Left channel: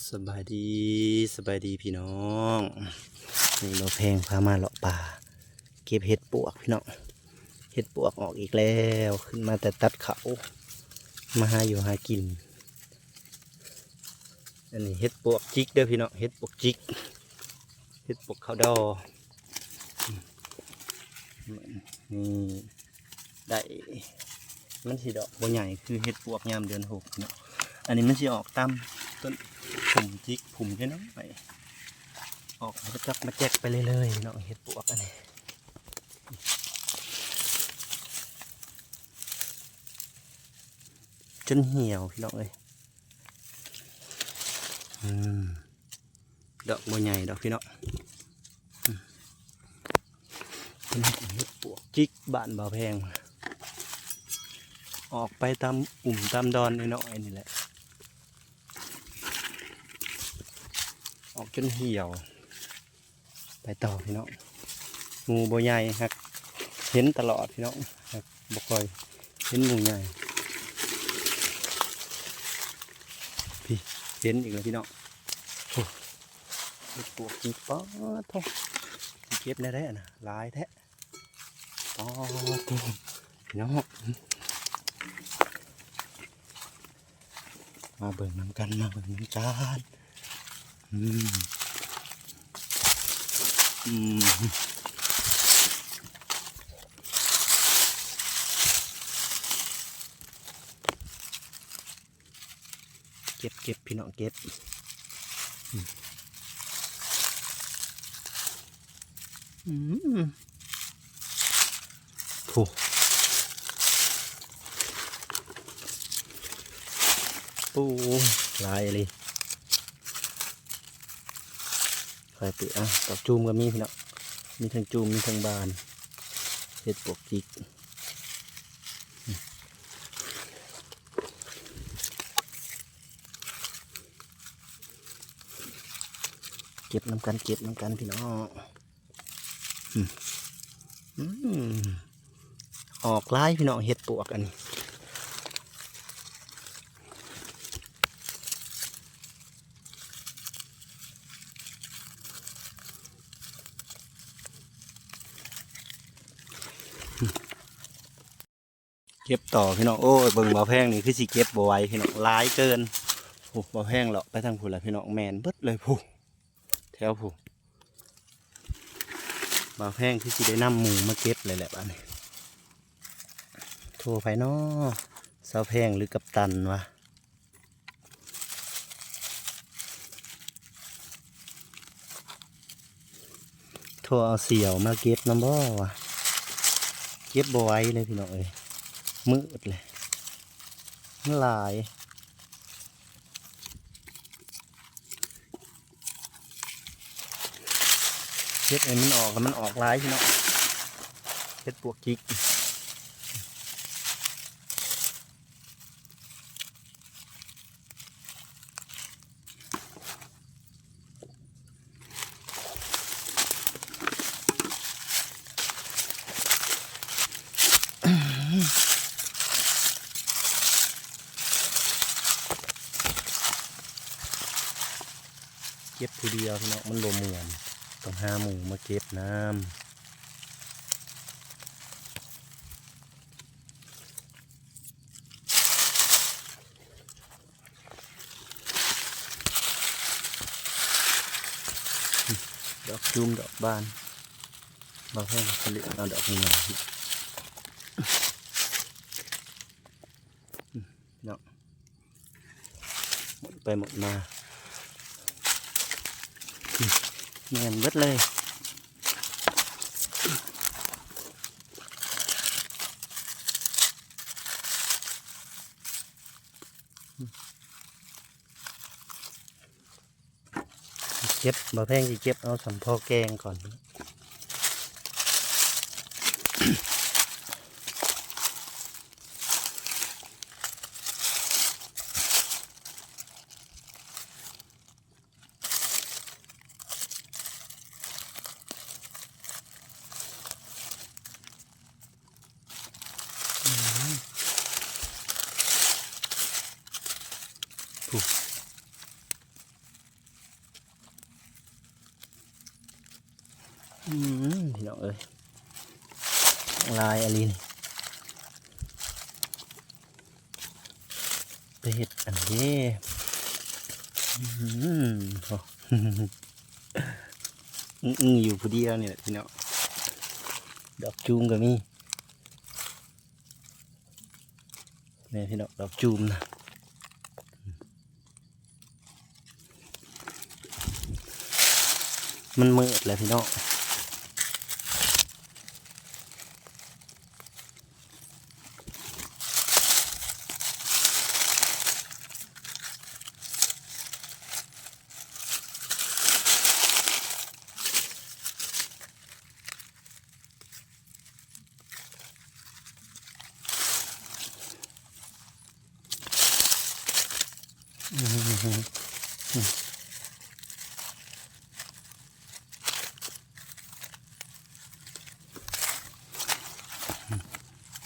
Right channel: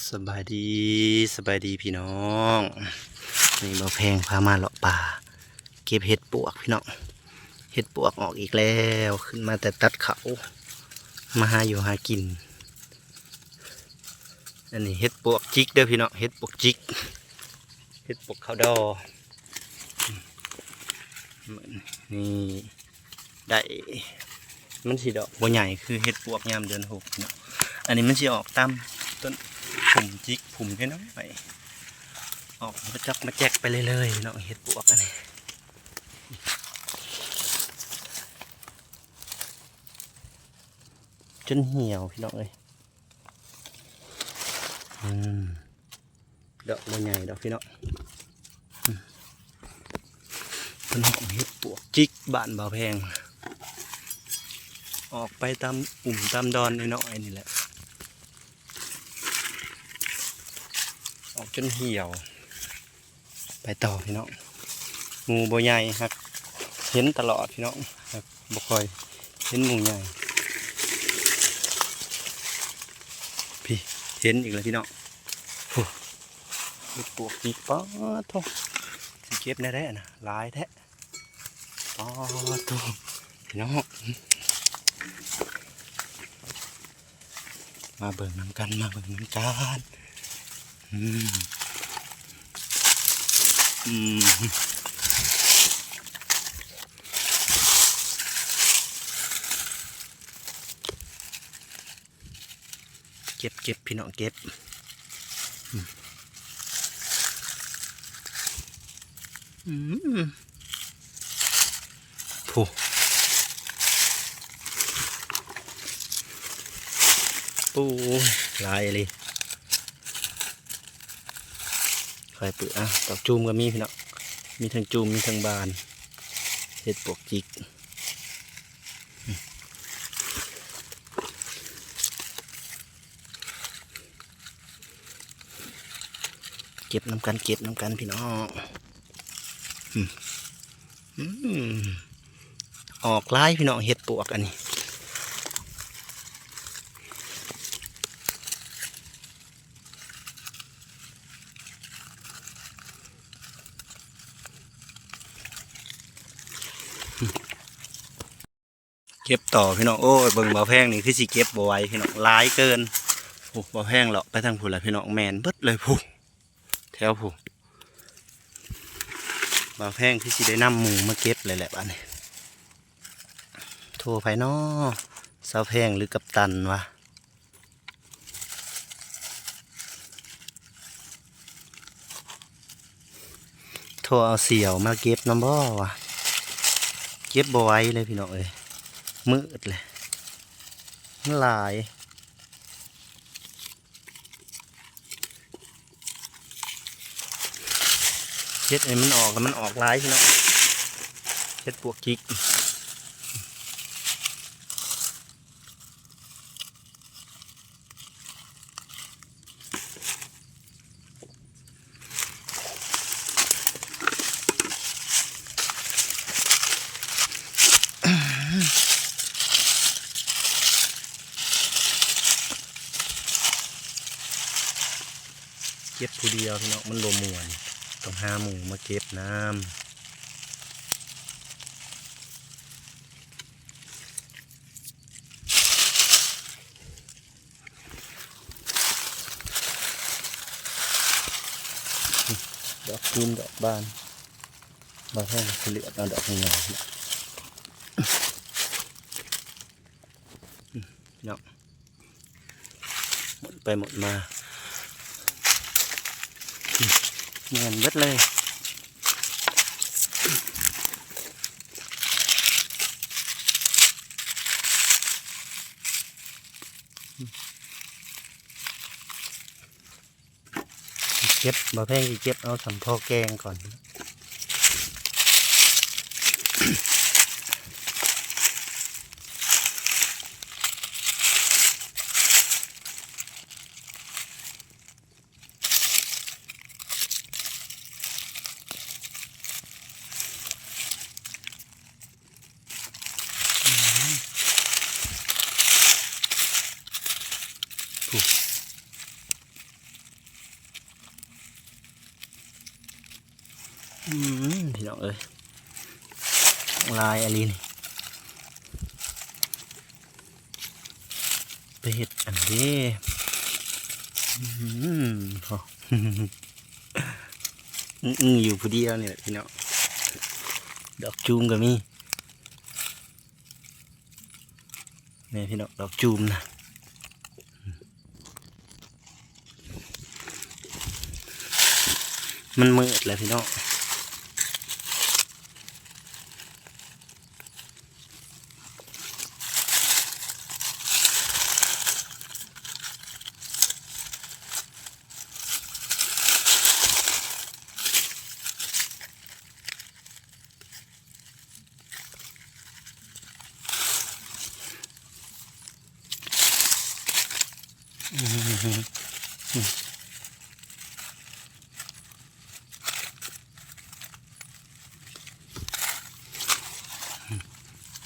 สบายดีสบายดีพี่น้องนี่เราแพงพามาเลาะป่า เก็บเห็ดปวกพี่น้องเห็ดปวกออกอีกแล้วขึ้นมาแต่ตัดเขา มาหาอยู่หากิน อันนี้เห็ดปวกจิกเด้อพี่น้องเห็ดปวกจิกเห็ดปวกเขาวดอนี่ได้มันสีดอกบัวใหญ่คือเห็ดปวกยามเดือนหกเนาะอันนี้มันสีออกตามต้น ผุ่มจิกผุ่มแค่น้อยไปออกมาจับมาแจกไปเรื่อยๆเนาะเห็ดปวกอันนี้จนเหี่ยวพี่น้องเอ้ยอืมดอกบัวใหญ่ดอกพี่น้องอืมเป็นหอมเห็ดปวกจิกบ้านบ่าวแพง ออกไปตามอุ่มตามดอนน้อยๆนี่แหละ ออกจนเหี่ยว ไปต่อพี่น้องงูบ่ใหญ่ครับ เห็นตลอดพี่น้องครับบ่คอยเห็นงูใหญ่พี่เห็นอีกแล้วพี่น้องโอ้ลูกปวกจิกป๊อดโทสิเก็บได้แท้นะลายแท้ป๊อดโทพี่น้องมาเบิ่งน้ำกันมาเบิ่งน้ำกัน อืมเก็บเก็บพี่น้องเก็บอืมอืมโถปูลายเลย คอยเปื่ออะดอกจูมก็มีพี่เนาะมีทั้งจูมมีทั้งบานเห็ดปวกจิกเก็บน้ำกันเก็บน้ำกันพี่น้องออืมออกลายพี่น้องเห็ดปวกอันนี้ เก็บต่อพี่น้องโอ้ยเบิ่งบ่อแพงนี่คือสิเก็บบ่ไหวพี่น้องหลายเกินโอ้บ่อแพงหรอกไปทางผู้ละพี่น้องแมนเบิดเลยผู้แถวผู้บ่อแพงคือสิได้นำหมูมาเก็บเลยแหละบ้านนี้โทรไปเนาะสาวแพงหรือกัปตันวะโทรเอาเสี่ยวมาเก็บน้ำบ่อวะ เก็บบ่ไว้เลยพี่น้องเอ้ยมืดเลยมันหลายเช็ดไอ้มันออกแล้วมันออกลายพี่น้องเช็ดปวกจิก ยวพี่น้องมันรวมมวนต้องหาหมูมาเก็บน้ำดอกจุ่มดอกบานบางแห่งเหลืองเอาดอกเงามๆพี่น้องหมดไปหมดมา แมนเบิดเลยเก็บบ่แพงสิเก็บเอาสำพอแกงก่อน เอ้ยลายอะไรนี่ไปเห็ดอันนี้อืมพออืออยู่ผู้เดียวนี่แหละพี่น้องดอกจูมก็มีนี่พี่น้องดอกจูมนะมันมืดแล้วพี่น้อง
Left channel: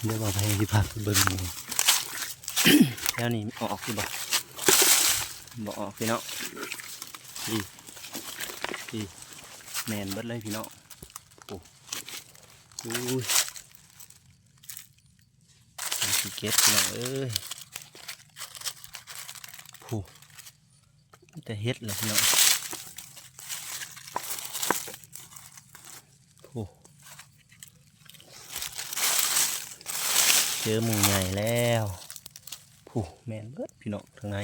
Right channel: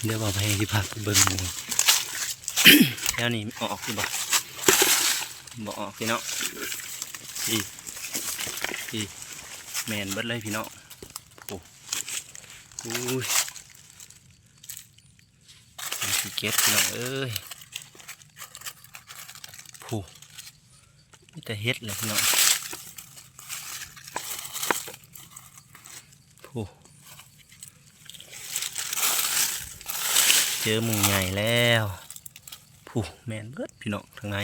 เดี๋ยวบอกไปที่พักเบิ่งมูแล้วนี่ออกที่บอกบอกออกพี่น้องดีดีแมนเบิดเลยพี่น้องโอ้อุ้ยนี่คือเก็ตพี่น้องเอ้ยผู้มีแต่เฮ็ดเลยพี่น้องผู้ เจอหมูใหญ่แล้วผู้แมนเบิดพี่น้องทางใน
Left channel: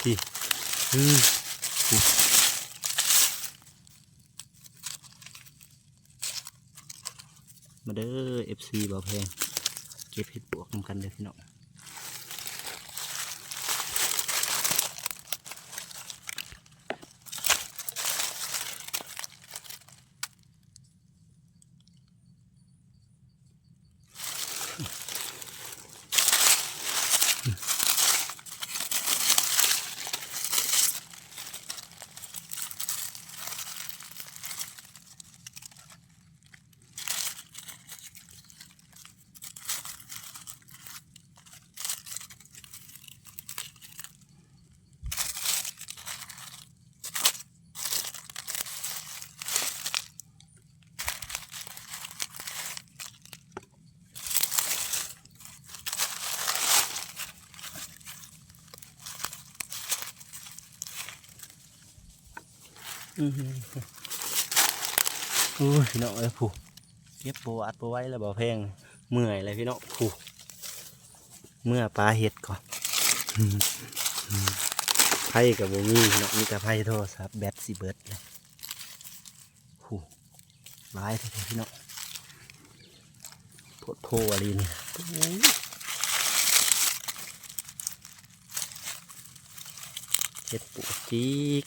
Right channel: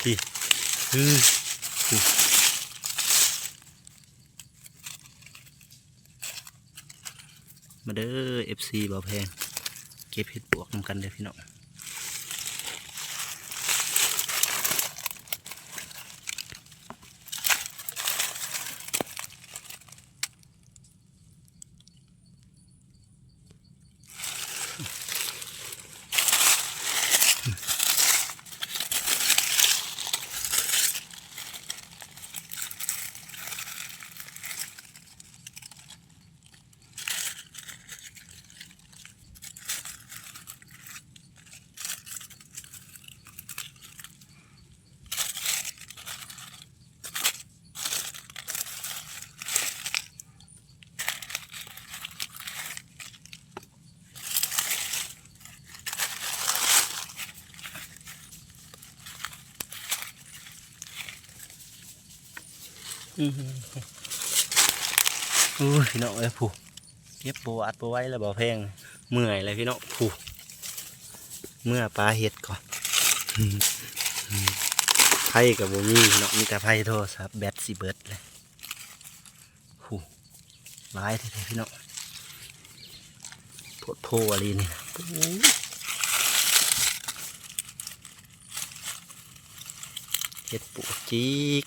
พี่อือผู้มาเด้อ FC บ่าแพง เก็บเห็ดปวกนำกันเด้อพี่น้อง อือหืออุ้ยพี่น้องเอ้ยผูเก็บปวัดปไว้แล้วบ่าแพงเมื่อยเลยพี่น้องผูเมื่อปลาเห็ดก่อนไพ่กับโบมีพี่น้องมีแต่ไพ่โทรศัพท์แบตสิเบิร์ดเลยผูร้ายแท้ๆพี่น้องโพดโพอะไรนี่นะโอ้ยเห็ดปูจิก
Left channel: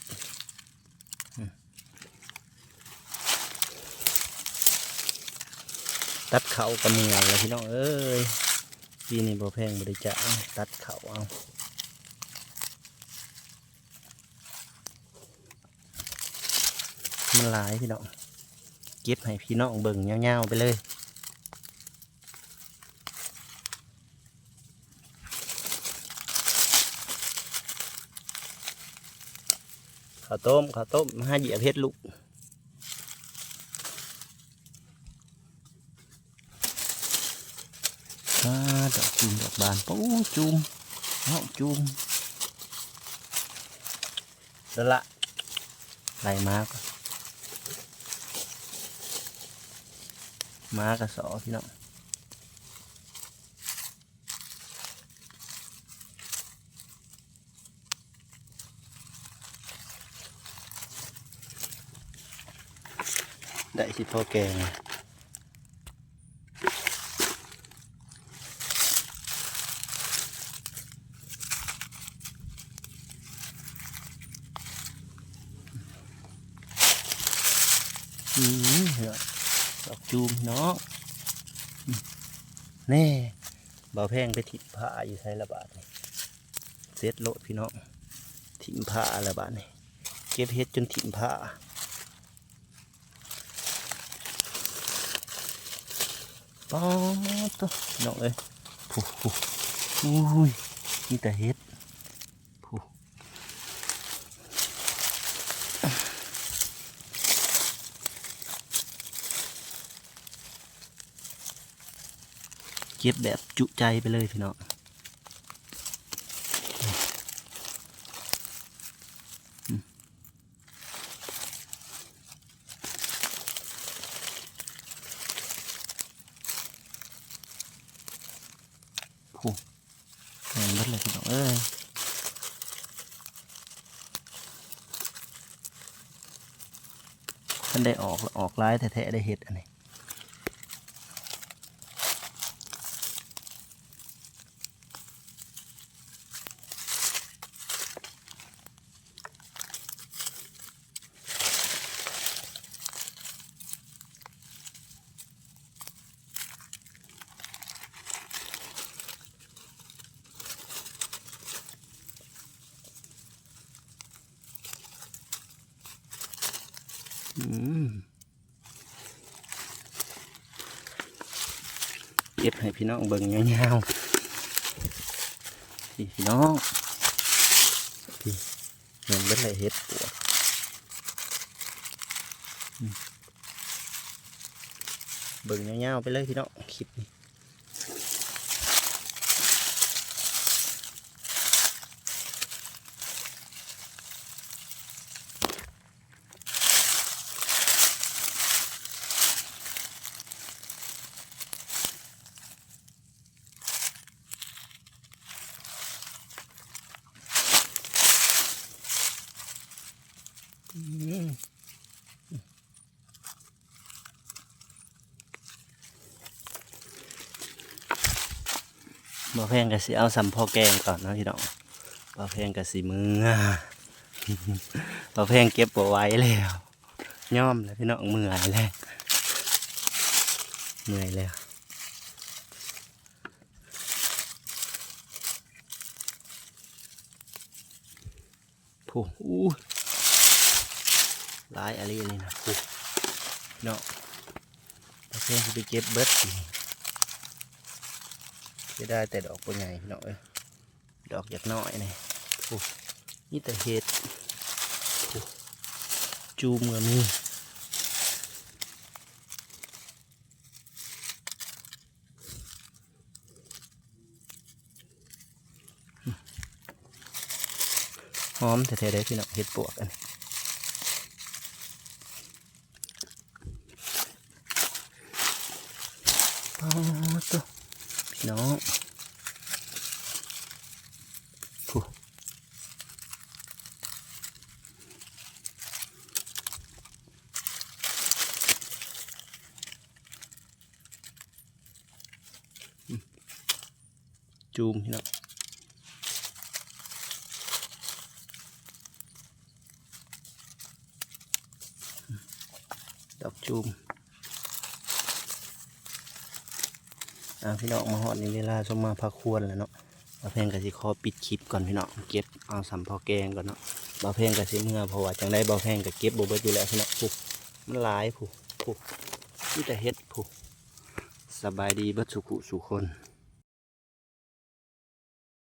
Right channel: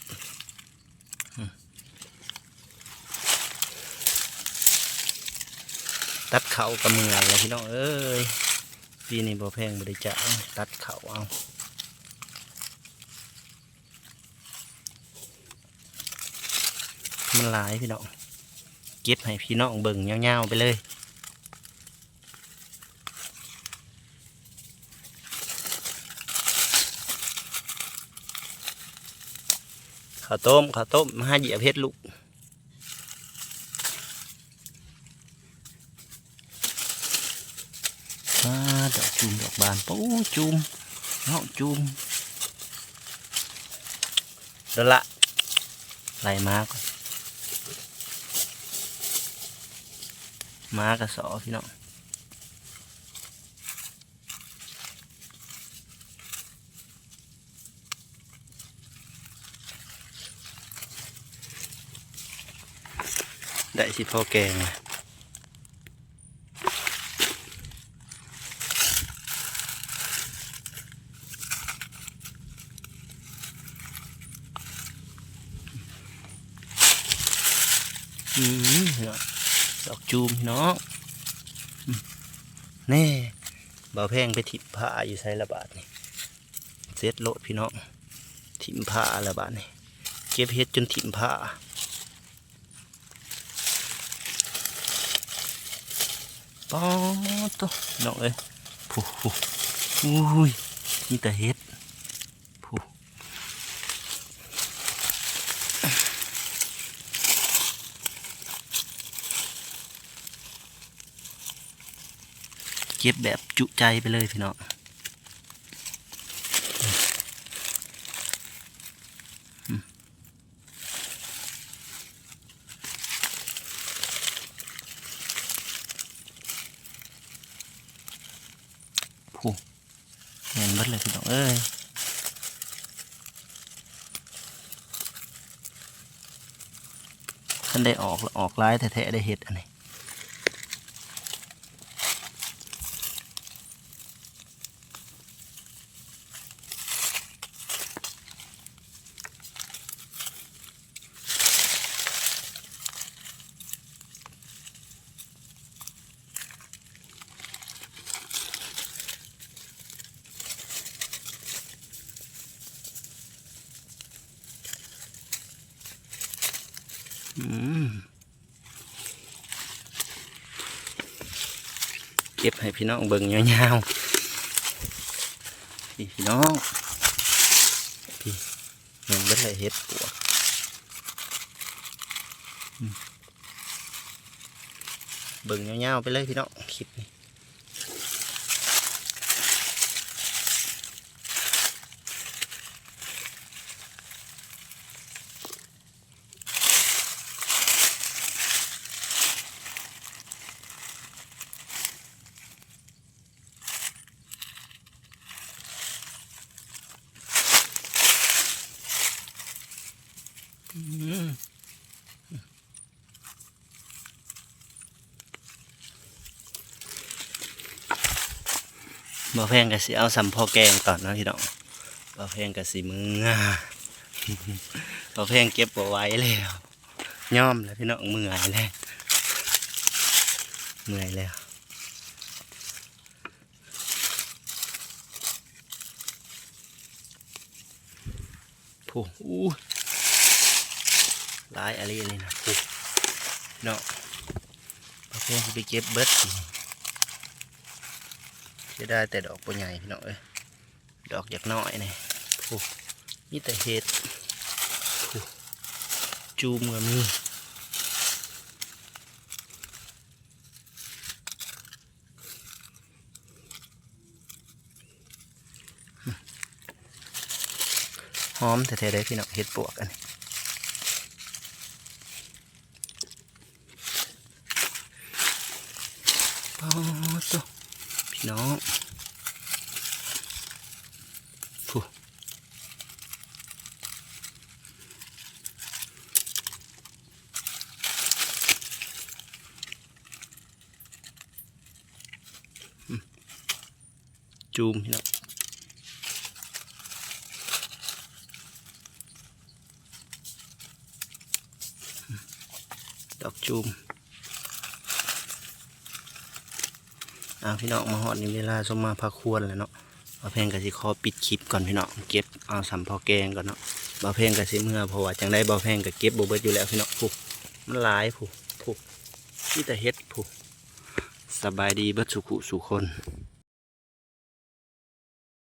ตัดเขากับมือเลยพี่น้องเอ้ยปีนี้บ่แพงบริจาคตัดเขาเอามันหลายพี่น้องเก็บให้พี่น้องเบิ่งเงาวๆไปเลยข้าวต้มข้าวต้มห้าเหยียบเพชรลูก ดอกจูมดอกบานปูจูมเนาะจูมเดี๋ยวละไล่มาก่อนมากระสอพี่น้องได้สิพ่อแกงเลย อืมพี่น้องดอกจูมพี่น้องแน่เบาแพงไปถิ่มผ้าอยู่ใส่ระบาดนี่เซ็ตโลดพี่น้องถิ่มผ้าระบาดนี่เก็บเฮ็ดจนถิ่มผ้าป๊อตัวน้องเอ้ยผู้ผู้อุ้ยมีแต่เฮ็ด เก็บแบบจุใจไปเลยพี่น้องผู้แม่นบิดเลยพี่น้องเอ้ยท่านได้ออกออกร้ายแท้ๆได้เห็ดอันนี้ เก็บให้พี่น้องเบิ่งยาวๆพี่พี่น้องพี่ยังไม่ได้เห็ดปวดเบิ่งยาวๆไปเลยพี่น้องคลิปนี้อืม บ่แพงก็สิเอาสัมพอแกงก่อนเนาะพี่น้องบ่แพงก็สิมือบ่แพงเก็บบ่ไว้แล้วย่อมแล้วพี่น้องเมื่อยแล้วเมื่อยแล้วผู้อู้หลายอะไรเลยนะผู้เนาะประเภทที่ไปเก็บเบิร์ด จะได้แต่ดอกปัวใหญ่พี่น้องเอ้ยดอกอยากน้อยนี่ผู้นี่แต่เห็ดผู้จูมก็มีหอมแท้ๆได้พี่น้องเห็ดปวกอันนี้ปอตัว พี่น้องผู้อืมจูมพี่น้ อ่าพี่น้องมาหอดิเวลาสมมาพักควรแล้วเนาะบาเพงกับสิขอปิดคลิปก่อนพี่น้องเก็บเอาสัมพอแกงก่อนเนาะบาเพงกับสิเมื่อเพราะว่าจังได้บาเพงกับเก็บโบเบิดอยู่แล้วพี่น้องผูกมันหลายผูกผูกนี่แต่เฮ็ดผูกสบายดีเบิดสุขุสุคน